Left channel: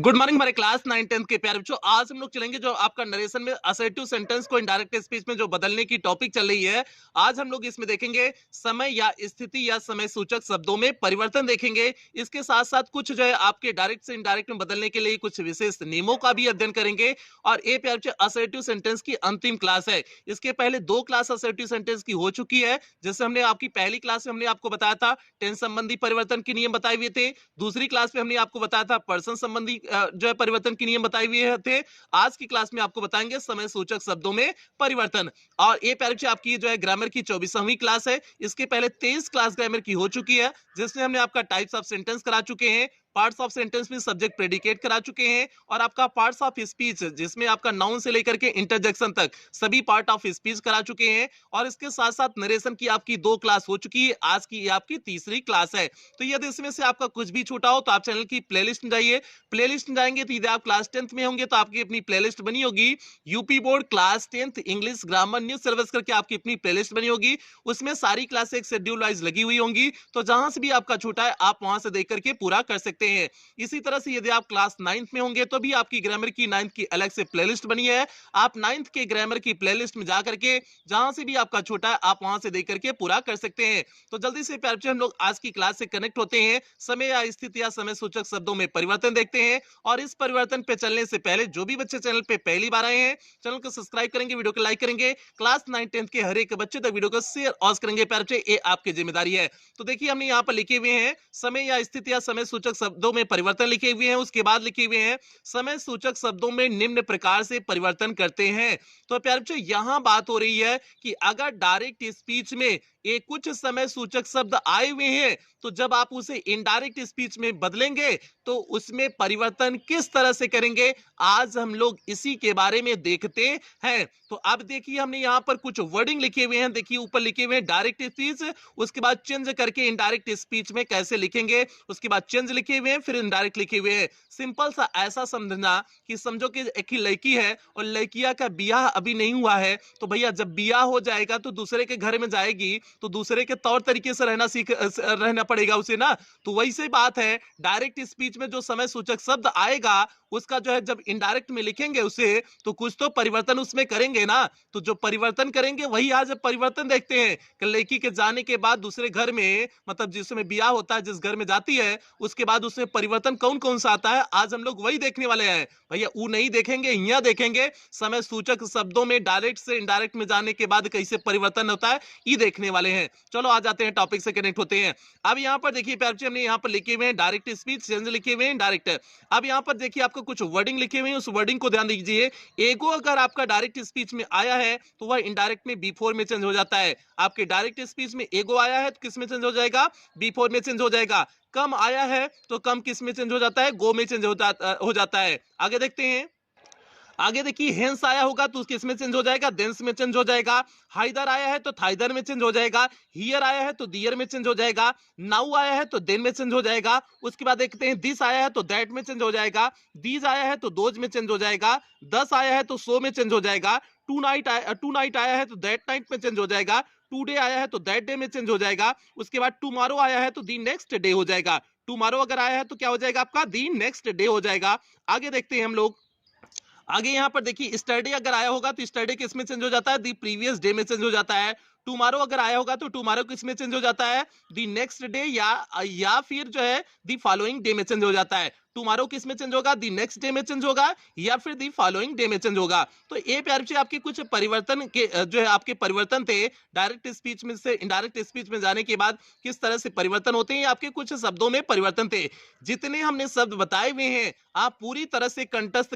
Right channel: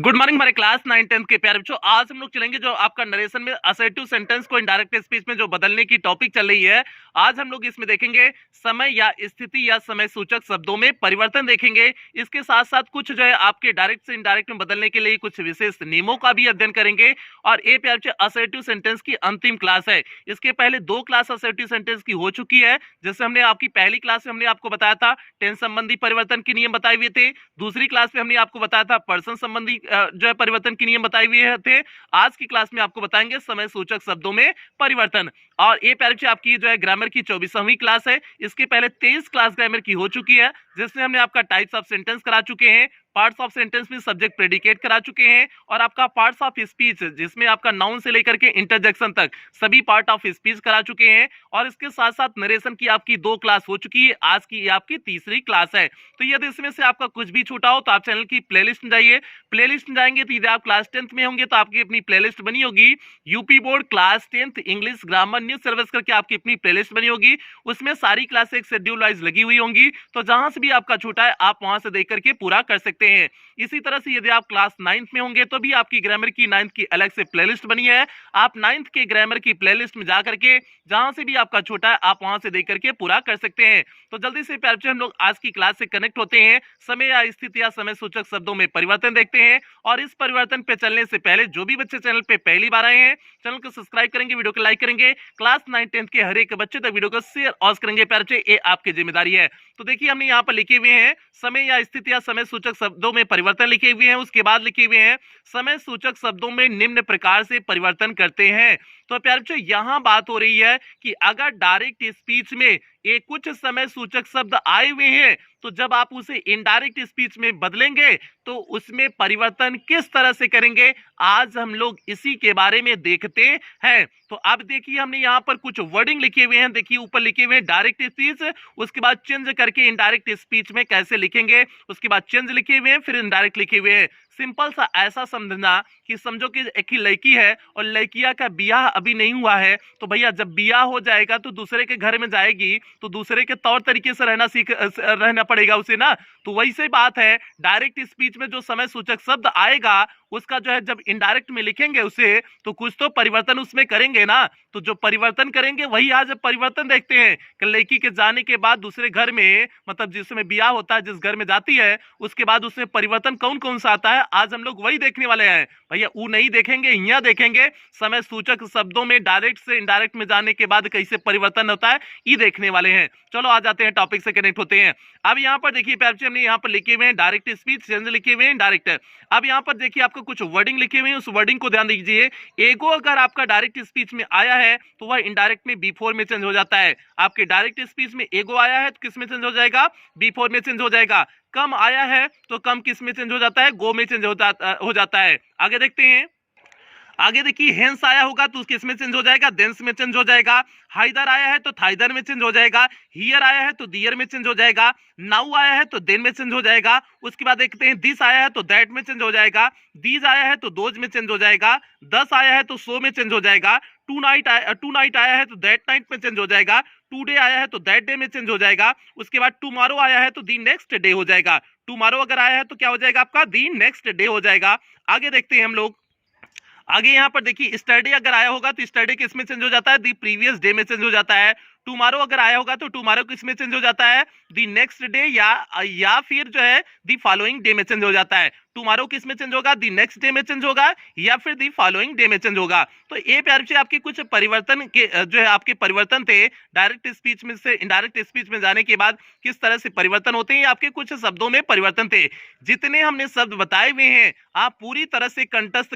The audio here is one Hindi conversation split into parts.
गुड मॉर्निंग हमारे क्लास 9 10 के प्यारे बच्चों। आज हम लोग चलेंगे जो आपका नरेशन में असर्टिव सेंटेंस को इनडायरेक्ट स्पीच में जो बदलने की टॉपिक चल रही है। आज हम लोग इसमें देखेंगे समय या स्थिति या समय सूचक शब्दों में परिवर्तन देखेंगे। इसके साथ साथ कुछ जो है आपके डायरेक्ट से इनडायरेक्ट में बदलने के लिए कुछ विशेष नियमों का भी अध्ययन करेंगे। और ये प्यारे बच्चों असर्टिव सेंटेंस की अंतिम क्लास है। इसके पहले 2 क्लास असर्टिव सेंटेंस की हो चुकी है, जैसे हमने आपकी पहली क्लास में हमने आपको बताया था टेंस संबंधी परिवर्तन के नियम बताए हुए थे। दूसरी क्लास में हमने आपको बताया था पर्सन संबंधी जो है परिवर्तन के नियम बताए हुए थे। आज की क्लास में आपको बताएंगे समय सूचक शब्दों में परिवर्तन। और ये प्यारे आपकी जो है ग्रामर की 24वीं क्लास है। इसके पहले 23 क्लास ग्रामर की हो चुकी है, जिसमें हमने आपका टाइप्स ऑफ सेंटेंस करा चुके हैं, पार्ट्स ऑफ सेंटेंस में सब्जेक्ट प्रेडिकेट करा चुके हैं, और आपका पार्ट्स ऑफ स्पीच जिसमें आपका नाउन से लेकर के इंटरजेक्शन तक सभी पार्ट ऑफ स्पीच करा चुके हैं। और इसके साथ साथ नरेशन की आपकी 2 क्लास हो चुकी है। आज की आपकी तीसरी क्लास है। तो यदि इसमें से आपका कुछ भी छूटा हो तो आप चैनल की प्लेलिस्ट में जाइए। प्लेलिस्ट में जाएंगे तो यदि आप क्लास 10th में होंगे तो आपकी अपनी प्लेलिस्ट बनी होगी, UP board class 10th English grammar new syllabus करके आपकी अपनी प्लेलिस्ट बनी होगी। उसमें सारी क्लासें एक शेड्यूल वाइज लगी हुई होंगी, तो जहां से भी आपका छूटा है आप वहां से देख करके पूरा कर सकते हैं। इसी तरह से यदि आप क्लास 9th में होंगे तो भी आपकी ग्रामर की 9th की अलग से प्लेलिस्ट बनी है। आप 9th के ग्रामर की प्लेलिस्ट में जाकर के जहां से भी आपका छूटा है आप वहां से देख करके पूरा कर सकते हैं। तो जल्दी से प्यारे बच्चों हम लोग आज की क्लास से कनेक्ट होते हैं। समय या स्थिति या समय सूचक शब्दों में परिवर्तन देखते हैं। और इस परिवर्तन पे चलने से पहले जो भी बच्चे चैनल पे पहली बार आए हैं, चैनल को सब्सक्राइब करेंगे, वीडियो को लाइक करेंगे, क्लास 9 10 के हर एक बच्चे तक वीडियो को शेयर और करेंगे। प्यारे बच्चे ये आपकी जिम्मेदारी है। तो देखिए हमने यहाँ पर लिखे हुए हैं समय या स्थिति या समय सूचक शब्दों में परिवर्तन लिखे हुए हैं। उसके बाद लिखे हुए हैं समय सूचक शब्दों में निम्न प्रकार से परिवर्तन करते हैं। तो प्यारे बच्चों यहाँ बात हो रही है कि अगर डायरेक्ट स्पीच में एक कुछ समय सूचक शब्द आए हुए हैं, तो जब आप उसे इनडायरेक्ट स्पीच में बदलेंगे तो उसमें परिवर्तन किस तरह से करेंगे, आज हम लोग इसी के बारे में देखते हैं। तो अब देखिए हमने यहाँ पर कुछ वर्डिंग लिखे हुए हैं। देखिए ऊपर लिखे हुए हैं डायरेक्ट स्पीच, उसके बाद चेंज करके इनडायरेक्ट स्पीच में कैसे लिखेंगे, उसके बाद चेंज लिखे हुए हैं, फिर इनडायरेक्ट लिखे हुए हैं। सिंपल सा ऐसा समझना कि समझो कि एक ही लड़की है और लड़किया का बियाह अभी नहीं हुआ है, तो भैया जब बियाह हो जाएगा तो दूसरे के घर में जाएगी तो दूसरे के तौर तरीके से रहना पड़ेगा उसे ना। तो वही से बात है, डायरेक्ट स्पीच में जो समय सूचक शब्द आएगा उसका जो है जब इनडायरेक्ट में लिखेंगे उसे, तो कुछ तो परिवर्तन उसमें करेंगे ना। तो जो परिवर्तन करेंगे वही आज परिवर्तन देखते हैं कि लड़की के जाने के बाद दूसरे घर में, मतलब जिसमें ब्याह होता है जिस घर में जाती है, उसके बाद उसमें परिवर्तन कौन कौन सा आता है, आज हम लोग वही देखने वाले हैं। भैया वो नहीं देखेंगे, यहाँ देखेंगे समय सूचक शब्दों में डायरेक्ट से इनडायरेक्ट में जाने के बाद कैसे परिवर्तन होता है, ये देखने वाले हैं। चलो आ जाते हैं टॉपिक से कनेक्ट होते हैं। अब यहाँ पर देखिए प्यारे हमने यहाँ पर लिखे हुए हैं डायरेक्ट स्पीच, चेंज लिखे हुए हैं डायरेक्ट। अब यहाँ पर देखिए आपको कुछ वर्डिंग लिखे हुए हैं, उस वर्डिंग को ध्यान दीजिए। एगो अगर आपका डायरेक्ट स्पीच में आया है तो वह इनडायरेक्ट में बी4 में चेंज हो जाता है। आपके डायरेक्ट स्पीच में एगो आया है तो किस में चेंज हो जाएगा, बी4 में चेंज हो जाएगा। कम आया है तो कम किस में चेंज हो जाता है, गो में चेंज हो जाता है। आगे देखते हैं। आगे देखिए हेंस आया होगा तो किस में चेंज हो जाएगा, देंस में चेंज हो जाएगा। हाइदर आया है तो थाइदर में चेंज हो जाएगा। हियर आया है तो दियर में चेंज हो जाएगा। नाउ आया है तो देन में चेंज हो जाएगा। उसके बाद देखते हैं दिस आया है तो दैट में चेंज हो जाएगा। दीज आया है तो दोज में चेंज हो जाएगा। दस आया है तो सो में चेंज हो जाएगा। टू नाइट आया है तो दैट नाइट में चेंज हो जाएगा। टुडे आया है तो दैट डे में चेंज हो जाएगा। उसके बाद टुमारो आया है तो दी नेक्स्ट डे हो जाएगा। टुमारो अगर आया है तो क्या हो जाएगा आपका, दी नेक्स्ट डे हो जाएगा। आगे देखते हैं हम लोग। आगे यहाँ पर देखिए स्टरडे अगर आया होगा तो स्टरडे किस में चेंज हो जाता है, दी प्रीवियस डे में चेंज हो जाता है। टुमारो अगर आया होगा तो टुमारो किस में चेंज हो जाता है, दी नेक्स्ट डे या फिर जो है दी फॉलोइंग डे में चेंज हो जाता है। टुमारो किस में चेंज होगा, दी नेक्स्ट डे में चेंज होगा या फिर दी फॉलोइंग डे में चेंज होगा। तो ये प्यारे से आपके कुछ परिवर्तन के जो है आपके परिवर्तन थे डायरेक्ट स्पीच में से इनडायरेक्ट स्पीच में जाने के बाद किस तरह से परिवर्तन होते हैं, आपके कुछ शब्दों में परिवर्तन थे। जितने हमने शब्द बताए हुए हैं आप पूरी तरह से कंठस्थ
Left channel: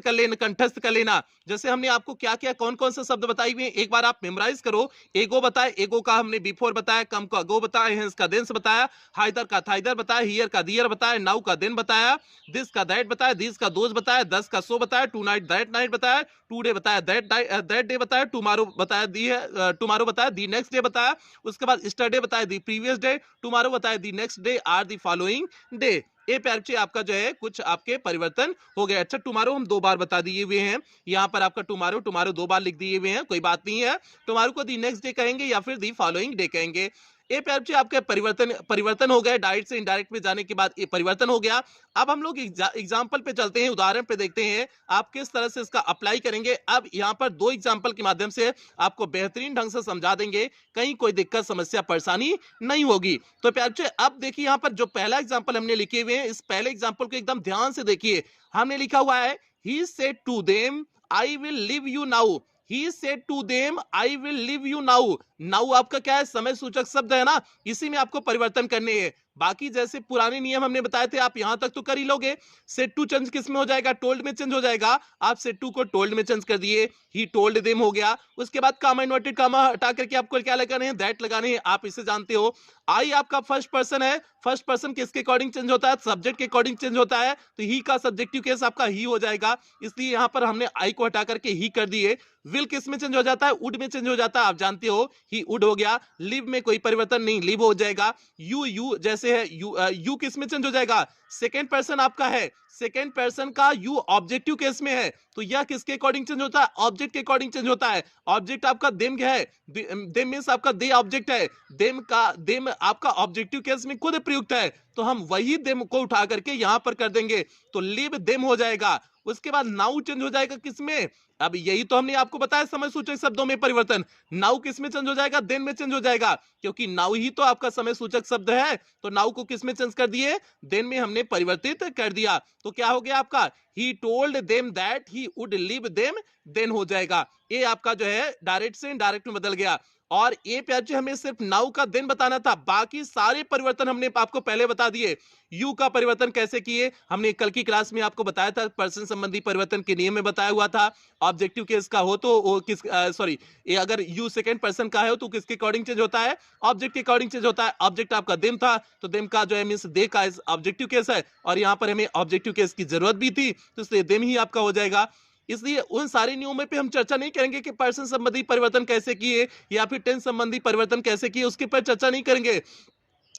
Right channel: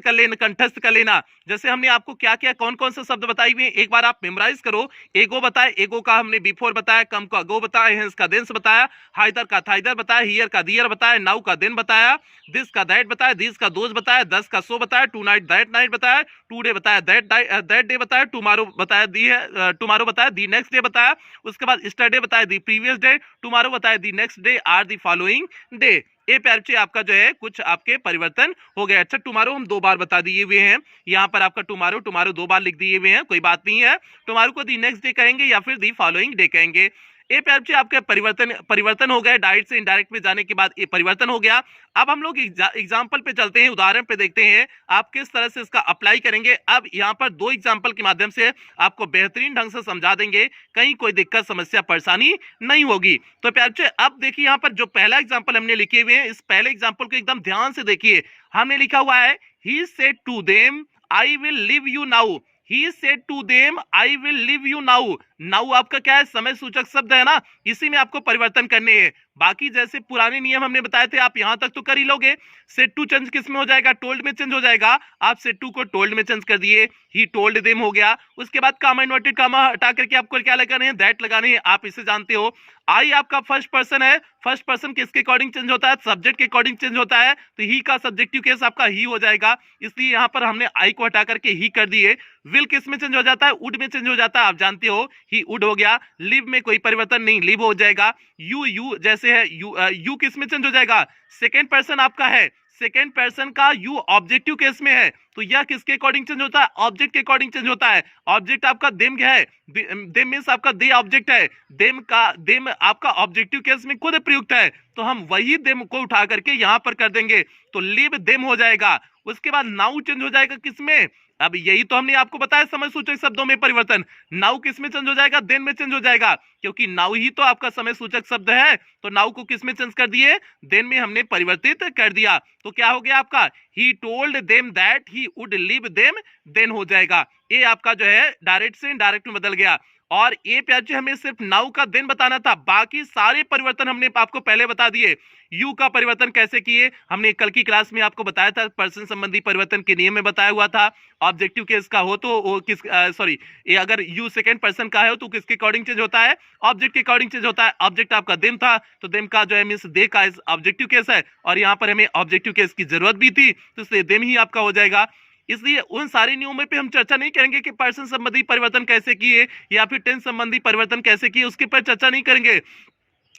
कर लेना। जैसे हमने आपको क्या क्या कौन कौन से शब्द बताए हुए हैं एक बार आप मेमोराइज करो। एगो बताया, एगो का हमने बिफोर बताया, कम का गो बताया, हेंस का देंस बताया, हाइदर का थाइदर बताया, हियर का दियर बताया, नाउ का देन बताया, दिस का दैट बताया, दिस का दोज बताया, दस का सो बताया, टू नाइट बताया, टू डे बताया, दैट डे बताया, टुमारो बताया, टुमारो बताया, दी नेक्स्ट डे बताया। उसके बाद स्टरडे बताया, दी प्रीवियस डे, टुमारो बताया, the next day or the following day. ये प्यारे बच्चे आपका जो है कुछ आपके परिवर्तन हो गए। अच्छा टुमारो हम 2 बार बता दिए हुए हैं, यहाँ पर आपका टुमारो 2 बार लिख दिए हुए हैं, कोई बात नहीं है। टुमारो को दी नेक्स्ट डे कहेंगे या फिर दी फॉलोइंग डे कहेंगे। ए प्यार बच्चे आपका परिवर्तन हो गया, डायरेक्ट से इनडायरेक्ट में जाने के बाद ये परिवर्तन हो गया। अब हम लोग एग्जाम्पल पे चलते हैं, उदाहरण पे देखते हैं आप किस तरह से इसका अप्लाई करेंगे। अब यहाँ पर दो एग्जाम्पल के माध्यम से आपको बेहतरीन ढंग से समझा देंगे, कहीं कोई दिक्कत समस्या परेशानी नहीं होगी। तो प्यार बच्चे अब देखिए यहाँ पर जो पहला एग्जाम्पल हमने लिखे हुए हैं, इस पहले एग्जाम्पल को एकदम ध्यान से देखिए। हमने लिखा हुआ है he said to them I will leave you now. He said to them, I will leave you now. Now आपका क्या है, समय सूचक शब्द है ना, इसी में आपको परिवर्तन करने हैं। बाकी जैसे पुराने नियम हमने बताए थे, आप यहां तक तो कर ही लोगे। सेड टू चेंज किस में हो जाएगा, टोल्ड में चेंज हो जाएगा। आप सेड टू को टोल्ड में चेंज कर दिए, ही टोल्ड देम हो गया। उसके बाद कामा इन्वर्टेड कामा हटा करके आपको क्या लगाने हैं, दैट लगाने हैं। आप इसे जानते हो। आई आपका फर्स्ट पर्सन है, फर्स्ट पर्सन किसके अकॉर्डिंग चेंज होता है, सब्जेक्ट के अकॉर्डिंग चेंज होता है, तो ही का सब्जेक्टिव केस आपका ही हो जाएगा, इसलिए यहां पर हमने आई को हटा करके ही कर दिए। विल किस में चेंज हो जाता है, वुड में चेंज हो जाता है, आप जानते हो, ही वुड हो गया। लिव में कोई परिवर्तन नहीं, लिव हो जाएगा। यू जैसे है, यू किस में चेंज हो जाएगा, सेकेंड पर्सन आपका है, सेकेंड पर्सन का यू ऑब्जेक्टिव केस में है, तो यह किसके अकॉर्डिंग चेंज होता है, ऑब्जेक्ट के अकॉर्डिंग चेंज होता है। ऑब्जेक्ट आपका देम क्या है, देम मींस आपका दे ऑब्जेक्ट है, देम आपका ऑब्जेक्टिव केस में खुद प्रयुक्त है, तो हम वही देम को उठा करके यहां पर कर देंगे, तो लिव देम हो जाएगा। उसके बाद नाउ चेंज हो जाएगा किसमें, अब यही तो हमने आपको बताया समय सूचक शब्दों में परिवर्तन। नाउ किस में चेंज हो जाएगा, देन में चेंज हो जाएगा, क्योंकि नाउ ही तो आपका समय सूचक शब्द है, तो नाउ को किस में चेंज कर दिए, देन में हमने परिवर्तित कर दिया। तो क्या हो गया आपका, he told them that he would leave them, then हो जाएगा। ये आपका जो है डायरेक्ट से इनडायरेक्ट में बदल गया। और ये प्यार जी हमें सिर्फ नाउ का देन बताना था, बाकी सारे परिवर्तन हमने आपको पहले बता दिए। यू का परिवर्तन कैसे किए हमने कल की क्लास में आपको बताया था, पर्सन संबंधी परिवर्तन के नियम में बताया हुआ था। ऑब्जेक्टिव केस का हो तो वो किस सॉरी ये अगर यू सेकंड पर्सन का है तो किसके अकॉर्डिंग चेंज होता है, ऑब्जेक्ट के अकॉर्डिंग चेंज होता है। ऑब्जेक्ट आपका देम था, तो देम का जो है मींस दे का ऑब्जेक्टिव केस है, और यहाँ पर हमें ऑब्जेक्टिव केस की जरूरत भी थी, तो इसलिए देम ही आपका हो जाएगा। इसलिए उन सारे नियमों पे हम चर्चा नहीं करेंगे कि पर्सन संबंधी परिवर्तन कैसे किए या फिर टेंस संबंधी परिवर्तन कैसे किए, उसके पर चर्चा नहीं करेंगे।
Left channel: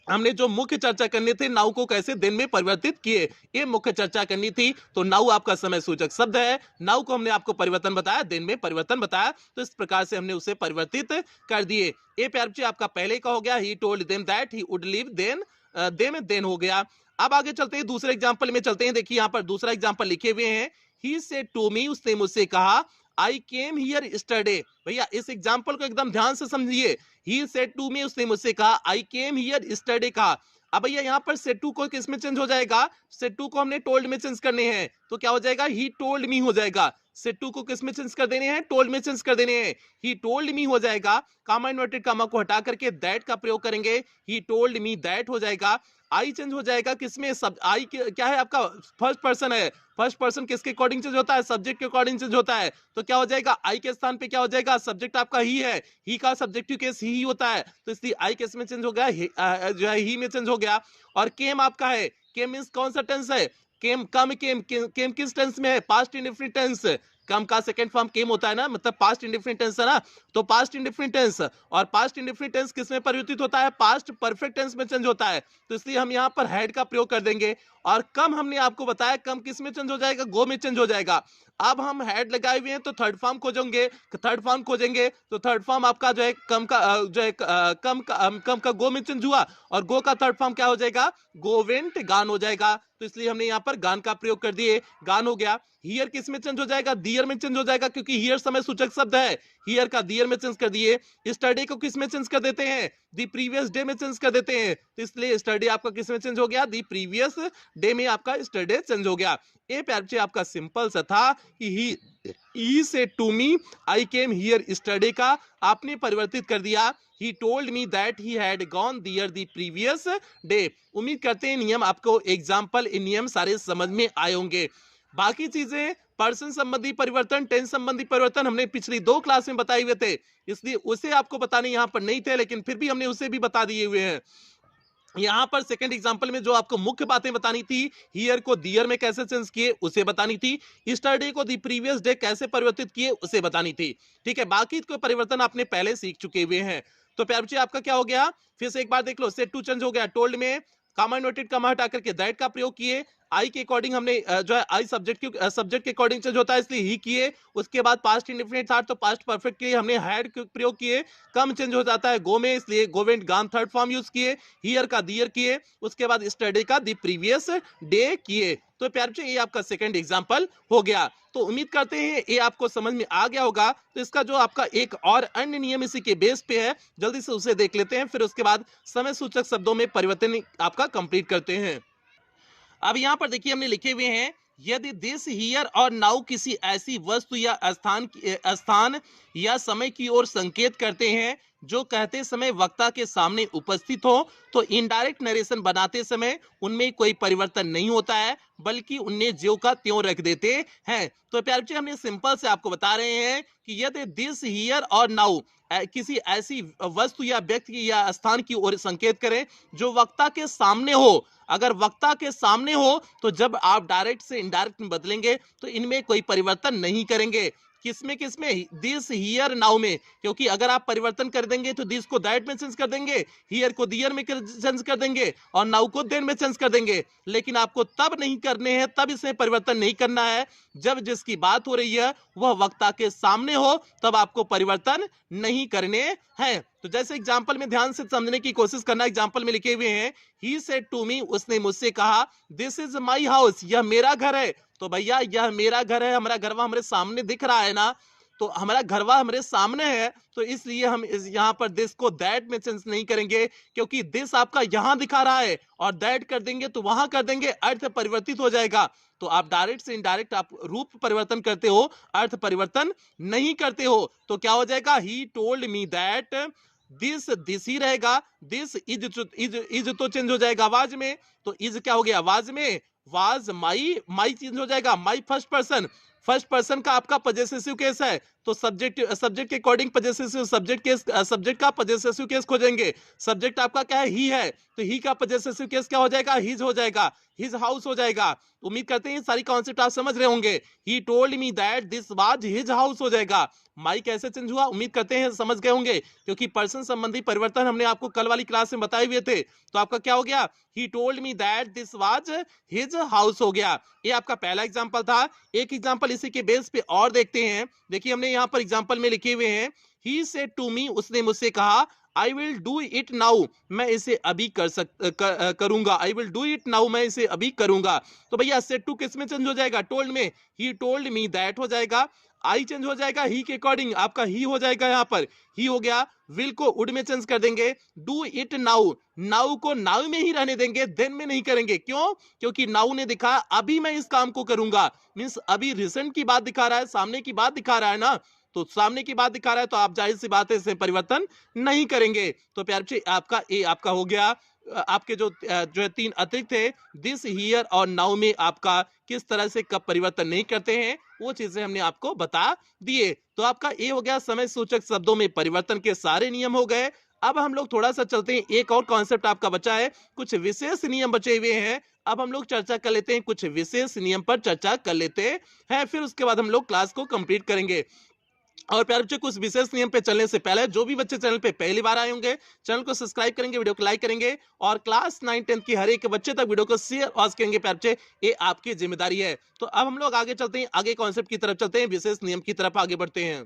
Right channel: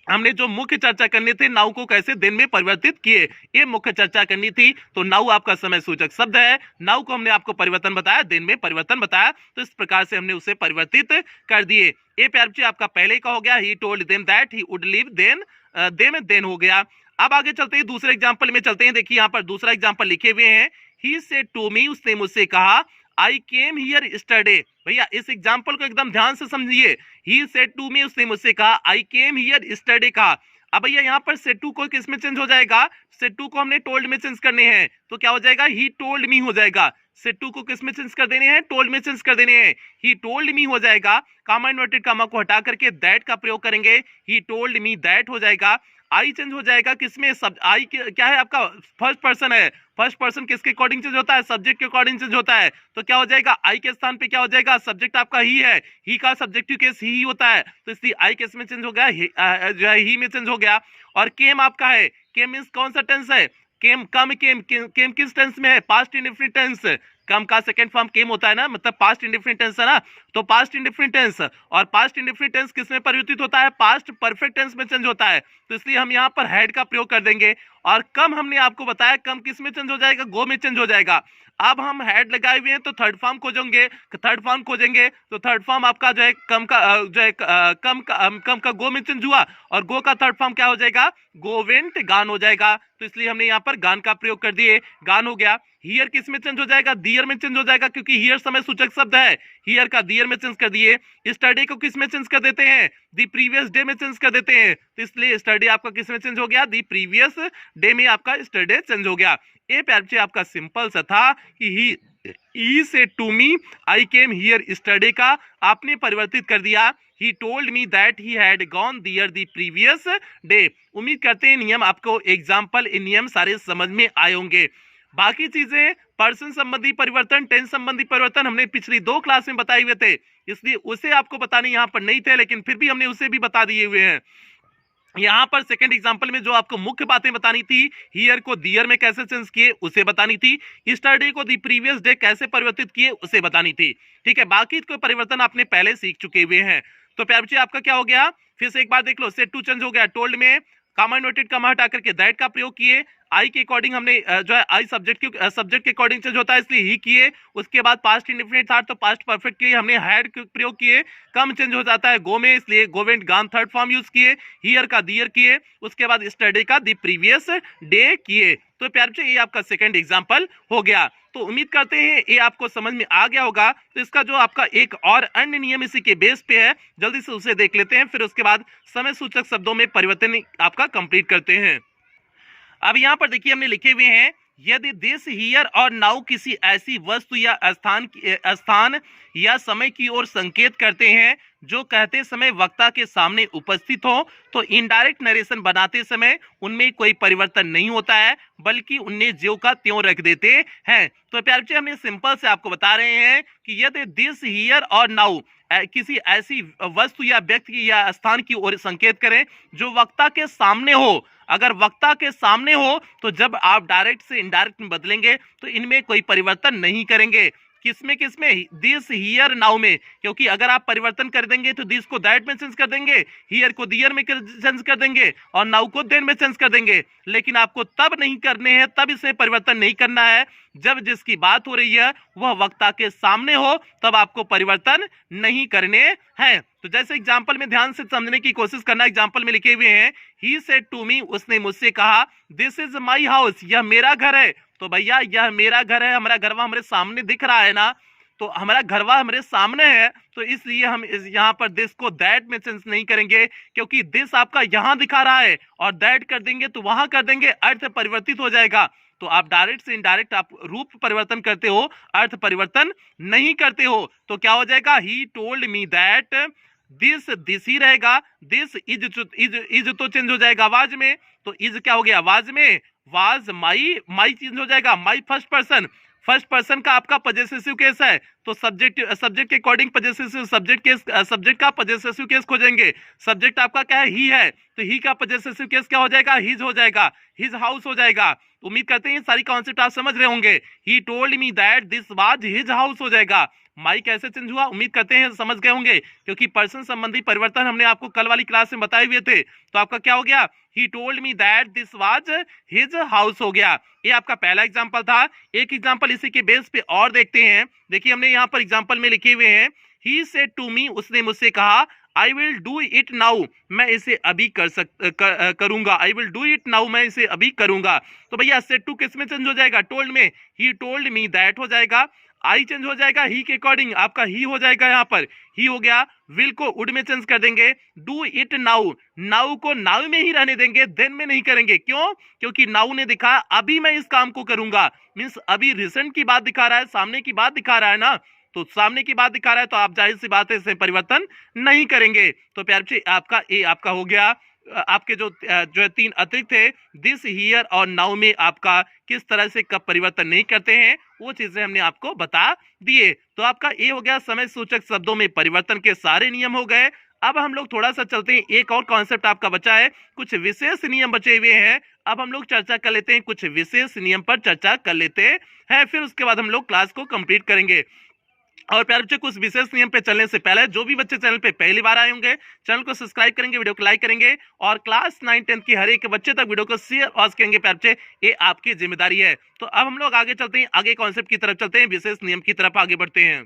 हमने जो मुख्य चर्चा करनी थी, नाउ को कैसे दिन में परिवर्तित किए, ये मुख्य चर्चा करनी थी। तो नाउ आपका समय सूचक शब्द है, नाउ को हमने आपको परिवर्तन बताया, दिन में परिवर्तन बताया, तो इस प्रकार से हमने उसे परिवर्तित कर दिए। ये प्यार बच्चे आपका पहले का हो गया, he told them that he would leave then, then हो गया। अब आगे चलते हैं, दूसरे एग्जाम्पल में चलते हैं। देखिए यहाँ पर दूसरा एग्जाम्पल लिखे हुए हैं, ही सेड टू मी, उसने मुझसे कहा, आई केम हियर स्टरडे। भैया इस एग्जाम्पल को एकदम ध्यान से समझिए। ही सेड टू मी, उसने मुझसे कहा, आई केम हियर स्टरडे कहा। अब भैया यहाँ पर सेड टू को किस में चेंज हो जाएगा, सेड टू को हमने टोल्ड में चेंज करने हैं, तो क्या हो जाएगा, ही टोल्ड मी हो जाएगा। सेड टू को किस में चेंज कर देने हैं, टोल्ड में चेंज कर देने हैं, ही टोल्ड मी हो जाएगा। कामा इन्वर्टेड कामा को हटा करके दैट का प्रयोग करेंगे, ही टोल्ड मी दैट हो जाएगा। आई चेंज हो जाएगा किसमें, सब आई क्या है आपका फर्स्ट पर्सन है, फर्स्ट पर्सन किसके अकॉर्डिंग चेंज होता है, सब्जेक्ट के अकॉर्डिंग चेंज होता है, तो क्या हो जाएगा, आई के स्थान पे क्या हो जाएगा, सब्जेक्ट आपका ही है, ही का सब्जेक्टिव केस ही होता है, तो इसलिए आई किस में चेंज हो गया, जो है ही में चेंज हो गया। और केम आपका है, केम मींस कौन सा टेंस है, केम कम केम किस टेंस में है, पास्ट इंडेफिनिट टेंस। कम का सेकंड फॉर्म केम होता है ना, मतलब पास्ट इंडेफिनिट टेंस है ना, तो पास्ट इंडेफिनिट टेंस, और पास्ट इंडेफिनिट टेंस किस में परिवर्तित होता है, पास्ट परफेक्ट टेंस में चेंज होता है, तो इसलिए हम यहाँ पर हैड का प्रयोग कर देंगे। और कम हमने आपको बताया, कम किस में चेंज हो जाएगा, गो में चेंज हो जाएगा। अब हम हैड लगाए हुए हैं तो थर्ड फॉर्म खोजेंगे, तो थर्ड फॉर्म आपका जो है कम का जो है कम का गो में चेंज हुआ, और गो का थर्ड फॉर्म क्या हो जाएगा, गो वेंट गान हो जाएगा, तो इसलिए हमने यहाँ पर गान का प्रयोग कर दिए, गान हो गया। हियर किस में चेंज हो जाएगा, दियर में चेंज हो जाएगा, क्योंकि हियर समय सूचक शब्द है, हियर का दियर में चेंज कर दिए। स्टडी को किस में चेंज कर देते हैं, दी प्रीवियस डे में चेंज कर देते हैं, तो इसलिए स्टडी आपका किस में चेंज हो गया, दी प्रीवियस डे में आपका स्टडी चेंज हो गया। ये प्यार बच्चे आपका सिंपल सा था कि he said to me I came here study का आपने परिवर्तित कर दिया, he told me that he had gone there the previous day. उम्मीद करते हैं नियम आपको एग्जाम्पल इन नियम सारे समझ में आए होंगे। बाकी चीजें पर्सन संबंधी परिवर्तन, टेंस संबंधी परिवर्तन हमने पिछली 2 क्लास में बताए हुए थे, इसलिए उसे आपको बताने यहाँ पर नहीं थे, लेकिन फिर भी हमने उसे भी बता दिए हुए हैं। यहाँ पर सेकंड एग्जांपल में जो आपको मुख्य बातें बतानी थी, हियर को दियर में कैसे चेंज किए उसे बतानी थी, स्टरडे को दी प्रीवियस डे कैसे परिवर्तित किए उसे बतानी थी। ठीक है, बाकी कोई परिवर्तन आपने पहले सीख चुके हुए हैं। तो प्यार बच्चे आपका क्या हो गया, फिर से एक बार देख लो, सेड टू चेंज हो गया, टोल्ड में कामा इन्वर्टेड कामा हटा करके दैट का प्रयोग किए, आई के अकॉर्डिंग हमने जो है आई सब्जेक्ट के अकॉर्डिंग चेंज होता है, इसलिए ही किए। उसके बाद पास्ट इंडेफिनिट था तो पास्ट परफेक्ट के लिए हमने हैड प्रयोग किए, कम चेंज हो जाता है गो में, इसलिए गो वेंट गान थर्ड फॉर्म यूज किए। हियर का दियर किए, उसके बाद स्टडी का द प्रीवियस डे किए। तो प्यार बच्चों ये आपका सेकंड एग्जांपल हो गया। तो उम्मीद करते हैं ये आपको समझ में आ गया होगा। तो इसका जो आपका एक और अन्य नियम इसी के बेस पे है, जल्दी से उसे देख लेते हैं, फिर उसके बाद समय सूचक शब्दों में परिवर्तन आपका कंप्लीट करते हैं। अब यहाँ पर देखिए हमने लिखे हुए हैं, यदि दिस हियर और नाउ किसी ऐसी वस्तु या स्थान या समय की ओर संकेत करते हैं जो कहते समय वक्ता के सामने उपस्थित हो, तो इनडायरेक्ट नरेशन बनाते समय उनमें कोई परिवर्तन नहीं होता है, बल्कि उन्हें ज्यों का त्यों रख देते हैं। तो प्यारे बच्चे हमने सिंपल से आपको बता रहे हैं कि यदि दिस हियर और नाउ किसी ऐसी वस्तु या व्यक्ति या स्थान की ओर संकेत करें जो वक्ता के सामने हो, अगर वक्ता के सामने हो तो जब आप डायरेक्ट से इनडायरेक्ट में बदलेंगे तो इनमें कोई परिवर्तन नहीं करेंगे। किसमें दिस हियर नाउ में, क्योंकि अगर आप परिवर्तन कर देंगे तो दिस को दैट में चेंज कर देंगे, हियर को दियर में चेंज कर देंगे और नाउ को देन में चेंज कर देंगे। लेकिन आपको तब नहीं करने हैं, तब इसमें परिवर्तन नहीं करना है जब जिसकी बात हो रही है वह वक्ता के सामने हो, तब आपको परिवर्तन नहीं करने हैं। तो जैसे एग्जांपल में ध्यान से समझने की कोशिश करना, एग्जांपल में लिखे हुए हैं, ही सेड टू मी, उसने मुझसे कहा, दिस इज माई हाउस, यह मेरा घर है। तो भैया यह मेरा घर है, हमारा घरवा हमारे सामने दिख रहा है ना, तो हमारा घरवा हमारे सामने है, तो इसलिए हम यहाँ पर दिस को दैट में चेंज नहीं करेंगे, क्योंकि दिस आपका यहाँ दिखा रहा है और दैट कर देंगे तो वहां कर देंगे, अर्थ परिवर्तित हो जाएगा। तो आप डायरेक्ट से इनडायरेक्ट आप रूप परिवर्तन करते हो, अर्थ परिवर्तन नहीं करते हो। तो क्या हो जाएगा, ही told me that, this he रहेगा, दिस इज तो चेंज हो जाएगा आवाज में, तो इज क्या हो गया आवाज में, वाज माई चेंज हो जाएगा, माई फर्स्ट पर्सन का आपका पजेसिव केस है, तो सब्जेक्ट के अकॉर्डिंग पजेसिव सब्जेक्ट का पजेसिव केस खोजेंगे। सब्जेक्ट आपका क्या है, ही है, तो ही का पजेसिव केस क्या हो जाएगा, हिज हो जाएगा, हिज हाउस हो जाएगा। उम्मीद करते हैं सारी कॉन्सेप्ट आप समझ रहे होंगे। ही told me that this was his house हो जाएगा। माई कैसे चेंज हुआ, उम्मीद करते हैं समझ गए होंगे, क्योंकि पर्सन संबंधी परिवर्तन हमने आपको कल वाली क्लास में बताए हुए थे। तो आपका क्या हो गया, he told me that this was his house हो गया। ये आपका पहला एग्जांपल था। एक एग्जांपल इसी के बेस पे और देखते हैं। देखिए हमने यहाँ पर एग्जांपल में लिखे हुए हैं, ही सेड टू मी, उसने मुझसे कहा, I will do it now, मैं इसे अभी करूंगा, I will do it now, मैं इसे अभी करूंगा। तो भैया सेड टू किस में चेंज हो जाएगा, टोल्ड में, ही टोल्ड मी दैट हो जाएगा, आई चेंज हो जाएगा ही के अकॉर्डिंग, आपका ही हो जाएगा, यहाँ पर ही हो गया, विल को वुड में चेंज कर देंगे, डू इट नाउ, नाउ को नाउ में ही रहने देंगे, देन में नहीं करेंगे। क्यों, क्योंकि नाउ ने दिखा अभी मैं इस काम को करूंगा, मींस अभी रिसेंट की बात दिखा रहा है, सामने की बात दिखा रहा है ना, तो सामने की बात दिखा रहा है, तो आप जाहिर सी बात है इसमें परिवर्तन नहीं करेंगे। तो प्यार बच्चे आपका ए आपका हो गया। आपके जो है तीन अतिरिक्त है, दिस हियर और नाउ में आपका किस तरह से कब परिवर्तन नहीं करते हैं, वो चीजें हमने आपको बता दिए। तो आपका ए हो गया, समय सूचक शब्दों में परिवर्तन के सारे नियम हो गए। अब हम लोग थोड़ा सा चलते हैं, एक और कॉन्सेप्ट आपका बचा है, कुछ विशेष नियम बचे हुए हैं। अब हम लोग चर्चा कर लेते हैं, कुछ विशेष नियम पर चर्चा कर लेते हैं, फिर उसके बाद हम लोग क्लास को कंप्लीट करेंगे। और प्यारे बच्चे कुछ विशेष नियम पे चलने से पहले जो भी बच्चे चैनल पे पहली बार आए होंगे, चैनल को सब्सक्राइब करेंगे, वीडियो को लाइक करेंगे और क्लास 9-10 की हर एक बच्चे तक वीडियो को शेयर और करेंगे। प्यारे बच्चे ये आपकी जिम्मेदारी है। तो अब हम लोग आगे चलते हैं, आगे कॉन्सेप्ट की तरफ चलते हैं, विशेष नियम की तरफ आगे बढ़ते हैं।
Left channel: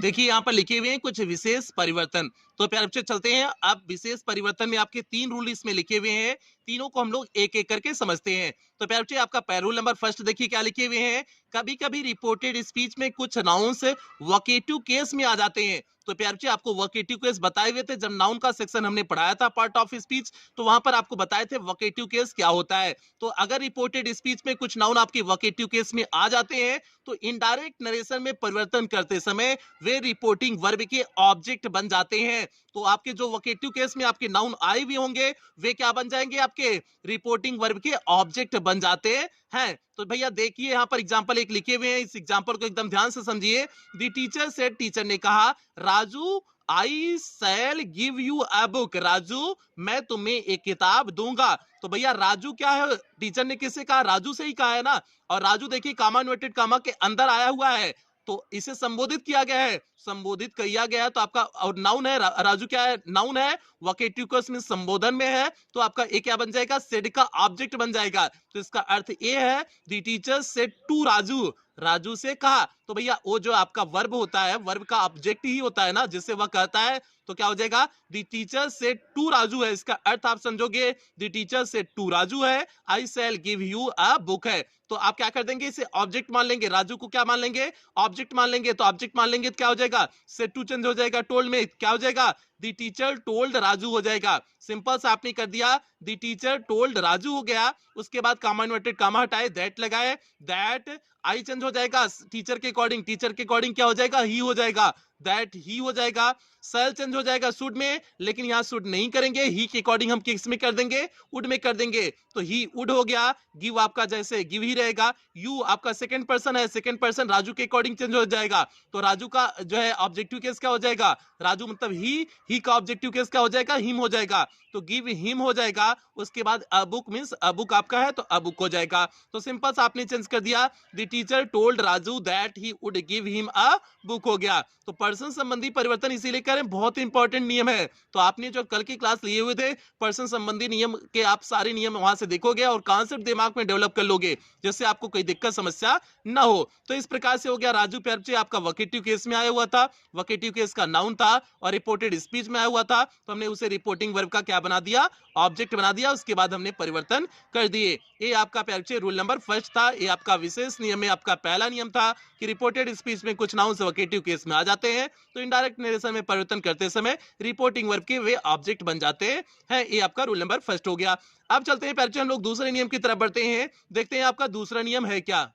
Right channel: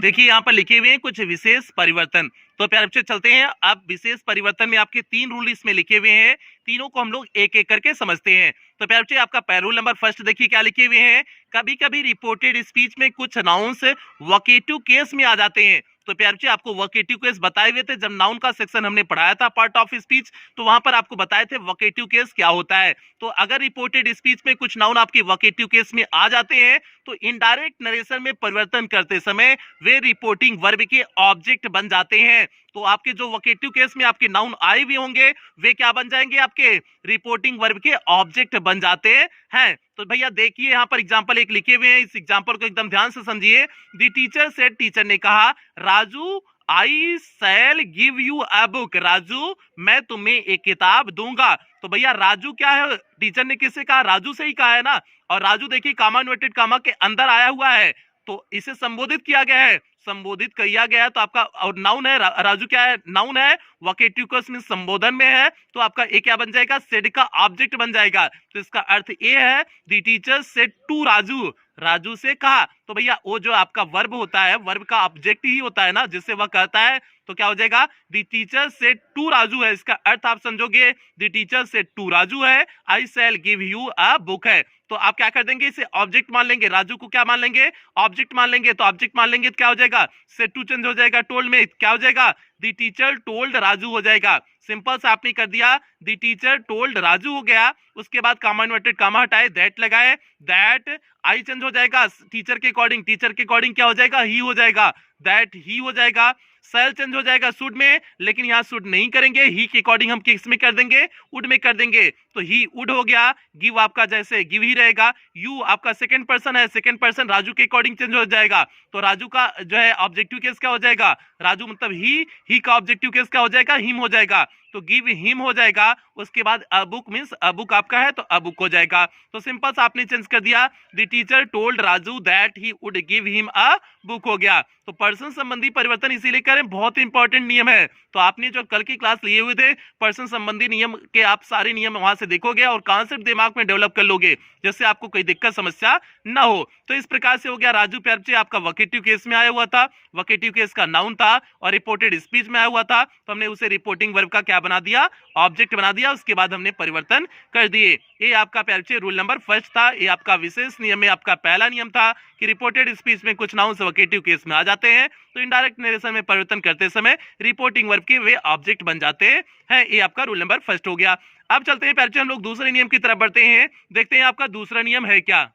देखिए यहाँ पर लिखे हुए हैं कुछ विशेष परिवर्तन। तो प्यारे बच्चे चलते हैं, अब विशेष परिवर्तन में आपके 3 रूल इसमें लिखे हुए हैं, तीनों को हम लोग एक एक करके समझते हैं। तो प्यारे बच्चे आपका रूल नंबर फर्स्ट देखिए क्या लिखे हुए हैं, कभी कभी रिपोर्टेड स्पीच में कुछ नाउन्स वोकेटिव केस में आ जाते हैं। तो प्यारे बच्चे आपको वोकेटिव केस बताए हुए थे, जब नाउन का सेक्शन हमने पढ़ाया था पार्ट ऑफ स्पीच, तो वहां पर आपको बताए थे वोकेटिव केस क्या होता है। तो अगर रिपोर्टेड स्पीच में कुछ नाउन आपके वोकेटिव केस में आ जाते हैं तो इनडायरेक्ट नरेशन में परिवर्तन करते समय वे रिपोर्टिंग वर्ब के ऑब्जेक्ट बन जाते हैं। तो आपके जो वोकेटिव केस में आपके नाउन आए हुए होंगे वे क्या बन जाएंगे, आपके रिपोर्टिंग वर्ब के ऑब्जेक्ट बन जाते हैं। तो भैया देखिए यहाँ पर एग्जांपल एक लिखे हुए हैं, इस एग्जांपल को एकदम ध्यान से समझिए। द टीचर सेड, टीचर ने कहा, Raju I shall give you a book, Raju मैं तुम्हें एक किताब दूंगा। तो भैया राजू क्या है, टीचर ने किससे कहा, राजू से ही कहा है ना। और राजू देखिए कामा इन्वर्टेड कामा के अंदर आया हुआ है, तो इसे संबोधित किया गया है, संबोधित किया गया तो आपका, और नाउन है राजू क्या है, नाउन है, वोकेटिव केस में संबोधन में है, तो आपका ए क्या बन जाएगा, सेड का ऑब्जेक्ट बन जाएगा। तो इसका अर्थ ये है the teacher said to Raju, Raju से कहा। तो भैया वो जो आपका वर्ब होता है, वर्ब का ऑब्जेक्ट ही होता है ना, जिससे वह कहता है, तो क्या हो जाएगा, the teacher said to Raju है। इसका अर्थ आप समझोगे the teacher said to Raju है, I shall give you a book है। तो आप क्या कर देंगे, इसे ऑब्जेक्ट मान लेंगे, राजू को क्या मान लेंगे, ऑब्जेक्ट मान लेंगे। तो ऑब्जेक्ट मान लेंगे तो क्या हो जाएगा, सेड टू चेंज हो जाएगा, टोल्ड में क्या हो जाएगा, द टीचर टोल्ड राजू हो जाएगा। सिंपल सा आपने कर दिया, द टीचर टोल्ड राजू हो गया। उसके बाद कामा इन्वर्टेड कामा हटाए, दैट लगाए, दैट आई चेंज हो जाएगा टीचर के अकॉर्डिंग, टीचर के अकॉर्डिंग क्या हो जाएगा, ही हो जाएगा, दैट ही हो जाएगा। सेल चेंज हो जाएगा शुड में, लेकिन यहां शुड नहीं करेंगे, ही के अकॉर्डिंग हम किस में कर देंगे, वुड में कर देंगे। तो ही वुड हो गया। गिव आपका जैसे गिव ही रहेगा। यू आपका सेकंड पर्सन है, सेकंड पर्सन राजू के अकॉर्डिंग चेंज हो जाएगा। तो राजू का जो है ऑब्जेक्टिव केस क्या हो जाएगा, राजू मतलब ही का ऑब्जेक्टिव केस क्या हो जाएगा, हिम हो जाएगा। तो गिव हिम हो जाएगा। उसके बाद a book means a book आपका है तो अ बुक हो जाएगा। तो सिंपल सा आपने चेंज कर दिया, the teacher told Raju that he would give him a book हो गया। तो पर्सन संबंधी परिवर्तन इसीलिए करें, बहुत इंपॉर्टेंट नियम है। तो आपने जो कल की क्लास लिए हुए थे पर्सन संबंधी नियम के, आप सारे नियम वहां से देखोगे और कॉन्सेप्ट दिमाग में डेवलप कर लोगे, जिससे आपको कोई दिक्कत समस्या ना हो। तो इस प्रकार से हो गया, राजू प्यारचे आपका वोकेटिव केस में आया हुआ था, वोकेटिव केस का नाउन था और रिपोर्टेड स्पीच में आया हुआ था, तो हमने उसे रिपोर्टिंग वर्ब का क्या बना दिया, ऑब्जेक्ट बना दिया। उसके बाद हमने परिवर्तन कर दिए। ये आपका प्यारचे रूल नंबर फर्स्ट था। ये आपका विशेष नियम में आपका पहला नियम था कि रिपोर्टेड स्पीच में कुछ नाउन्स वोकेटिव केस में आ जाते हैं, तो इनडायरेक्ट नरेशन में परिवर्तन करते समय रिपोर्टिंग वर्ब के वे ऑब्जेक्ट बन जाते हैं। ये आपका रूल नंबर फर्स्ट हो गया। अब चलते हैं प्यारचे, हम लोग दूसरे नियम की तरफ बढ़ते हैं, देखते हैं आपका दूसरा नियम है क्या।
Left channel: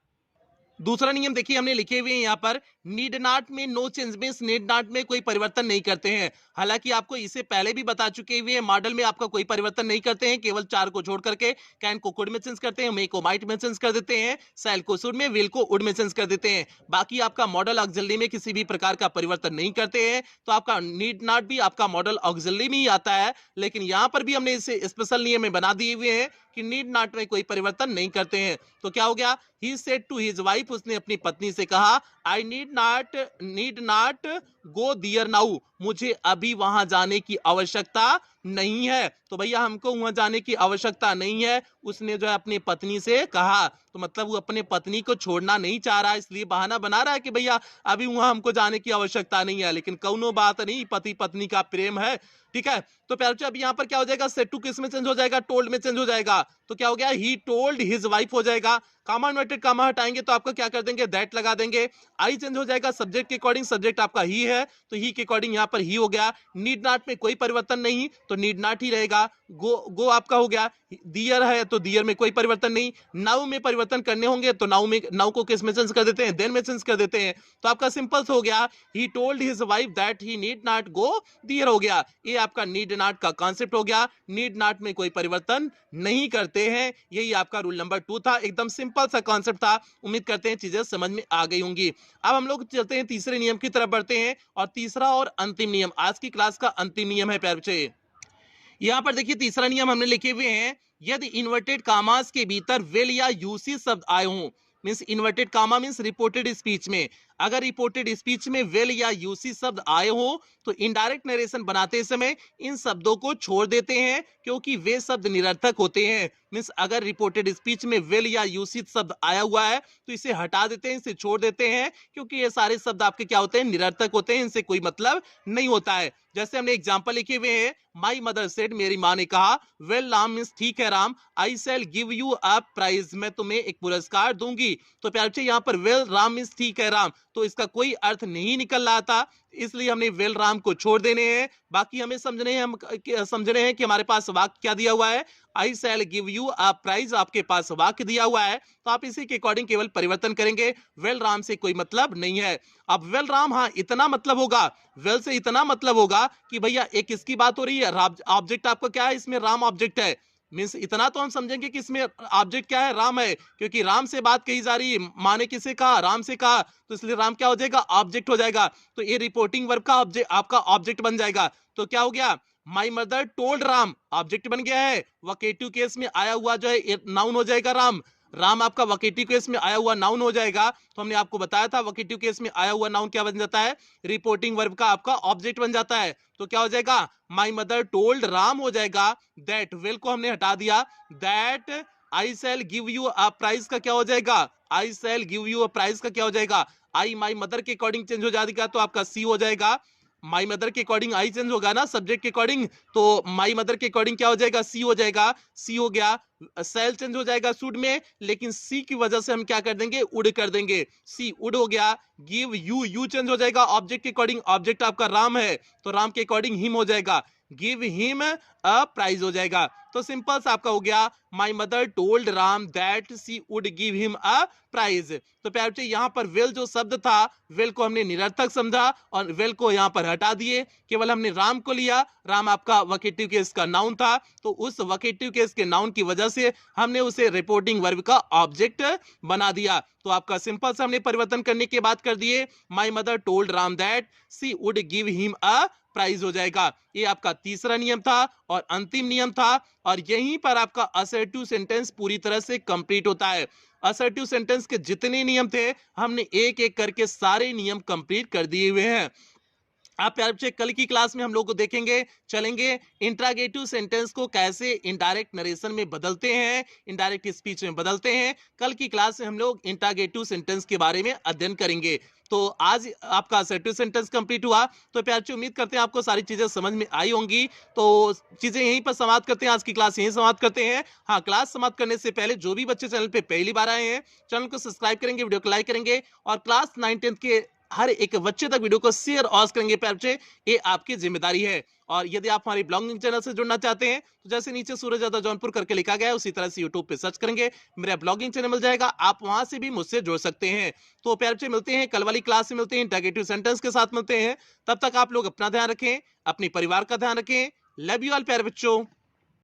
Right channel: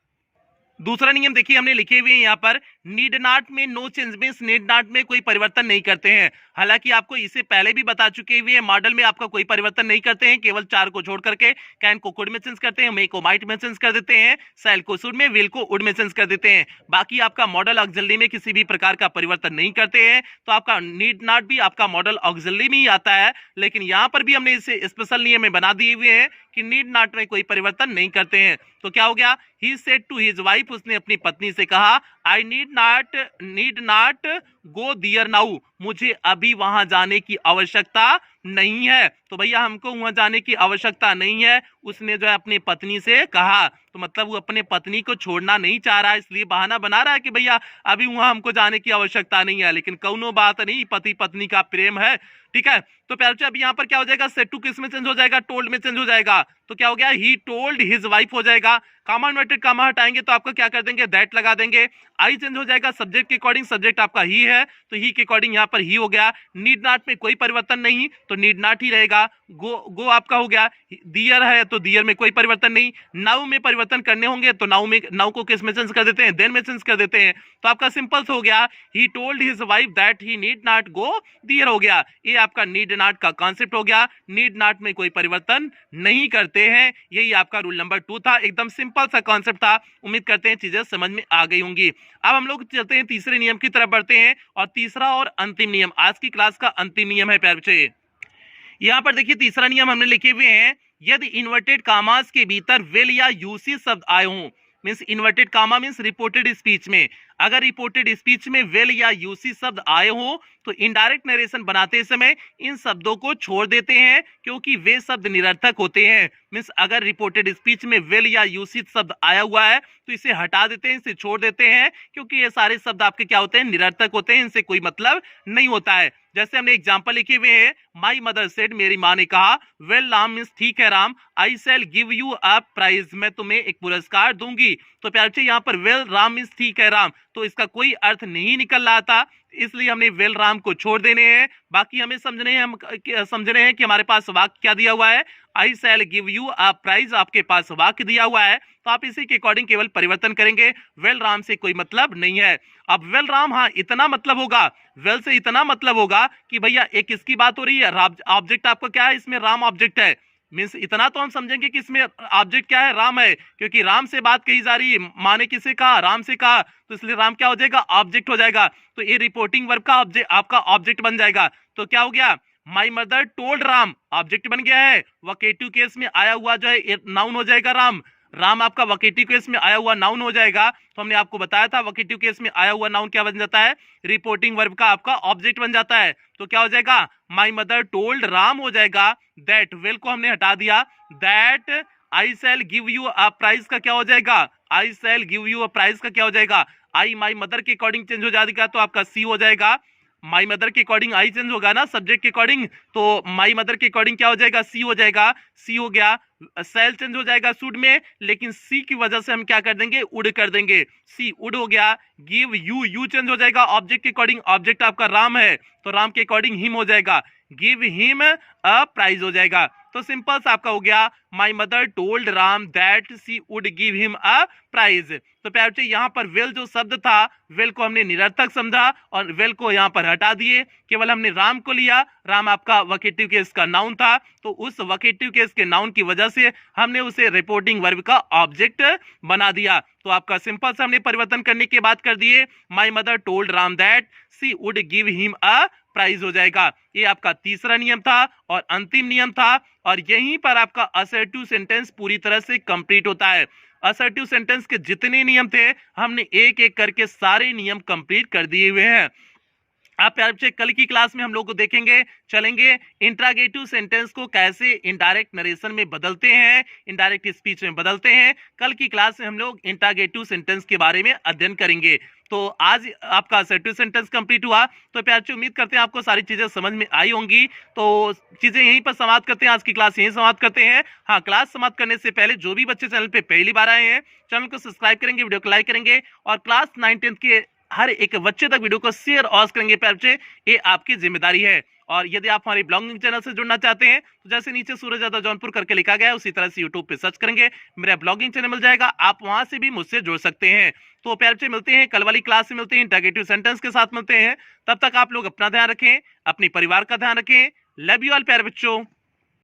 दूसरा नियम देखिए हमने लिखे हुए हैं यहाँ पर, नीड नॉट में no change means need not में कोई परिवर्तन नहीं करते हैं। हालांकि आपको इसे पहले भी बता चुके हुए हैं, मॉडल में आपका कोई परिवर्तन नहीं करते हैं, केवल चार को छोड़ करके कैन को कुड में चेंज करते हैं, मे को माइट में चेंज कर देते हैं, शैल को शुड में, विल को वुड में चेंज कर देते हैं। बाकी आपका मॉडल ऑक्सिलरी में किसी भी प्रकार का परिवर्तन नहीं करते हैं। तो आपका नीड नॉट भी आपका मॉडल ऑक्सिलरी में ही आता है, लेकिन यहाँ पर भी हमने इसे स्पेशल नियम में बना दिए हुए हैं कि नीड नॉट में कोई परिवर्तन नहीं करते हैं। तो क्या हो गया, he said to his wife, उसने अपनी पत्नी से कहा, I need not go there now, मुझे अभी वहां जाने की आवश्यकता नहीं है। तो भैया हमको वहां जाने की आवश्यकता नहीं है, उसने जो है अपनी पत्नी से कहा। तो मतलब वो अपने पत्नी को छोड़ना नहीं चाह रहा है, इसलिए बहाना बना रहा है कि भैया अभी वहां हमको जाने की आवश्यकता नहीं है। लेकिन कौनो बात नहीं, पति पत्नी का प्रेम है, ठीक है। तो प्यारे अब यहाँ पर क्या हो जाएगा, सेड टू किस में चेंज हो जाएगा, टोल्ड में चेंज हो जाएगा। तो क्या हो गया, ही टोल्ड हिज वाइफ हो जाएगा। कामा इन्वर्टेड कामा हटाएंगे तो आपका क्या कर देंगे, दैट लगा देंगे। आई चेंज हो जाएगा सब्जेक्ट के अकॉर्डिंग, सब्जेक्ट आपका ही है तो ही के अकॉर्डिंग यहाँ पर ही हो गया। नीड नॉट में कोई परिवर्तन नहीं तो नीड नॉट ही रहेगा। गो आपका हो गया, दियर है तो दियर में कोई परिवर्तन नहीं। नाउ में परिवर्तन करने होंगे तो नाउ को किस में चेंज कर देते हैं, देन में चेंज कर देते हैं। तो आपका सिंपल हो गया, he told his wife that he need not go there हो गया। ये आपका नीड नॉट का कॉन्सेप्ट हो गया, नीड नॉट में कोई परिवर्तन नहीं करते हैं। यही आपका रूल नंबर 2 था, एकदम सिंपल सा कॉन्सेप्ट था। उम्मीद करते हैं चीजें समझ में आ गई होंगी। अब हम लोग चलते हैं तीसरे नियम की तरफ बढ़ते हैं, और तीसरा और अंतिम नियम, आज की क्लास का अंतिम नियम है प्यारे बच्चे। यहाँ पर देखिए तीसरा नियम हमने लिखे हुए हैं, यदि इन्वर्टेड कामास के भीतर विल या यूसी शब्द आए हों, means inverted comma means reported speech में, अगर रिपोर्टेड स्पीच में विल या यूसी शब्द आए हो तो इनडायरेक्ट नरेशन बनाते समय इन शब्दों को छोड़ देते हैं, क्योंकि वे शब्द निरर्थक होते हैं। मींस अगर रिपोर्टेड स्पीच में विल या यूसी शब्द आया हुआ है तो इसे हटा देते हैं, इसे छोड़ देते हैं, क्योंकि ये सारे शब्द आपके क्या होते हैं, निरर्थक होते हैं, इनसे कोई मतलब नहीं होता है। जैसे हमने एग्जाम्पल लिखे हुए हैं, माई मदर सेड, मेरी माँ ने कहा, वेल राम मींस ठीक है Ram, I shall give you a prize, मैं तुम्हें एक पुरस्कार दूंगी। तो प्यारे यहाँ पर वेल राम मींस ठीक है राम, तो इसका कोई अर्थ नहीं निकल रहा था, इसलिए हमने वेल राम को छोड़ देने हैं। बाकी हमें समझ रहे हैं कि हमारे पास वाक्य क्या दिया हुआ है, I shall give you a prize, आपके पास वाक्य दिया हुआ है, तो आप इसी के अकॉर्डिंग केवल परिवर्तन करेंगे। वेल राम से कोई मतलब नहीं है। अब वेल राम, हाँ इतना मतलब होगा, वेल से इतना मतलब होगा कि भैया एक इसकी बात हो रही है, ऑब्जेक्ट आपका क्या है, इसमें राम ऑब्जेक्ट है, मींस इतना तो हम समझेंगे कि इसमें ऑब्जेक्ट क्या है, राम है, क्योंकि राम से बात कही जा रही है, माँ ने किसे कहा, राम से कहा, तो इसलिए राम क्या हो जाएगा, ऑब्जेक्ट हो जाएगा। तो ये रिपोर्टिंग वर्ब का ऑब्जेक्ट आपका ऑब्जेक्ट बन जाएगा। तो क्या हो गया, my mother told Ram, object बन गया है। वोकेटिव केस में आया हुआ जो है नाउन हो जाएगा राम। राम आपका वोकेटिव केस में आया हुआ नाउन हो जाएगा। तो हमने आपको बताया था वोकेटिव केस में आया हुआ नाउन क्या बन जाता है, रिपोर्टिंग वर्ब का आपका ऑब्जेक्ट बन जाता है। तो क्या हो जाएगा, माई मदर टोल्ड राम हो जाएगा। दैट विल को हमने हटा दिया, that I shall give you a prize का क्या हो जाएगा, I shall give you a prize का क्या हो जाएगा, आई माई मदर के अकॉर्डिंग चेंज हो जाएगा तो आपका सी हो जाएगा। माई मदर के अकॉर्डिंग आई चेंज होगा ना सब्जेक्ट के अकॉर्डिंग, तो माई मदर के अकॉर्डिंग क्या हो जाएगा, सी हो जाएगा। सी हो गया, सेल चेंज हो जाएगा शुड में, लेकिन सी की वजह से हम क्या कर देंगे, उड कर देंगे, सी उड हो गया। गिव यू, यू चेंज हो जाएगा ऑब्जेक्ट के अकॉर्डिंग, ऑब्जेक्ट आपका राम है तो राम के अकॉर्डिंग हिम हो जाएगा, गिव हिम अ प्राइज हो जाएगा। तो सिंपल सा आपका हो गया, my mother told Ram that she would give him a prize. तो प्यारे बच्चे यहाँ पर विल जो शब्द था, विल को हमने निरर्थक समझा और विल को यहाँ पर हटा दिए, केवल हमने राम को लिया। राम आपका वोकेटिव केस का नाउन था, तो उस वोकेटिव केस के नाउन की वजह से हमने उसे रिपोर्टिंग वर्ब का ऑब्जेक्ट बना दिया। तो आपका सिंपल सा हमने परिवर्तन करने की बात कर दिए, my mother told Ram that she would give him a prize हो जाएगा। ये आपका तीसरा नियम था और अंतिम नियम था, और यहीं पर आपका असर्टिव सेंटेंस पूरी तरह से कंप्लीट होता है। असर्टिव सेंटेंस के जितने नियम थे हमने एक एक करके सारे नियम कंप्लीट कर दिए हुए हैं। आप प्यारे बच्चे कल की क्लास में हम लोग को देखेंगे, चलेंगे इंट्रागेटिव सेंटेंस को कैसे इनडायरेक्ट नरेशन में बदलते हैं, इनडायरेक्ट स्पीच में बदलते हैं। कल की क्लास में हम लोग इंट्रागेटिव सेंटेंस के बारे में अध्ययन करेंगे। तो आज आपका असर्टिव सेंटेंस कंप्लीट हुआ। तो प्यारे बच्चे उम्मीद करते हैं आपको सारी चीजें समझ में आई होंगी। तो चीजें यहीं पर समाप्त करते हैं, आज की क्लास यहीं समाप्त करते हैं। हाँ, क्लास समाप्त करने से पहले जो भी बच्चे चैनल पे पहली बार आए हैं, चैनल को सब्सक्राइब करेंगे, वीडियो को लाइक करेंगे और क्लास 9-10 के हर एक बच्चे तक वीडियो को शेयर और करेंगे प्यारे बच्चे, ये आपकी जिम्मेदारी है। और यदि आप हमारे ब्लॉगिंग चैनल से जुड़ना चाहते हैं तो जैसे नीचे सूरज यादव जौनपुर करके लिखा गया है उसी तरह से यूट्यूब पे सर्च करेंगे, मेरा ब्लॉगिंग चैनल मिल जाएगा, आप वहां से भी मुझसे जुड़ सकते हैं। तो प्यारे बच्चे मिलते हैं कल वाली क्लास में, मिलते हैं इंट्रागेटिव सेंटेंस के साथ मिलते हैं। तब तक आप लोग अपना ध्यान रखें, अपने परिवार का ध्यान रखें। लव यू ऑल प्यारे बच्चों।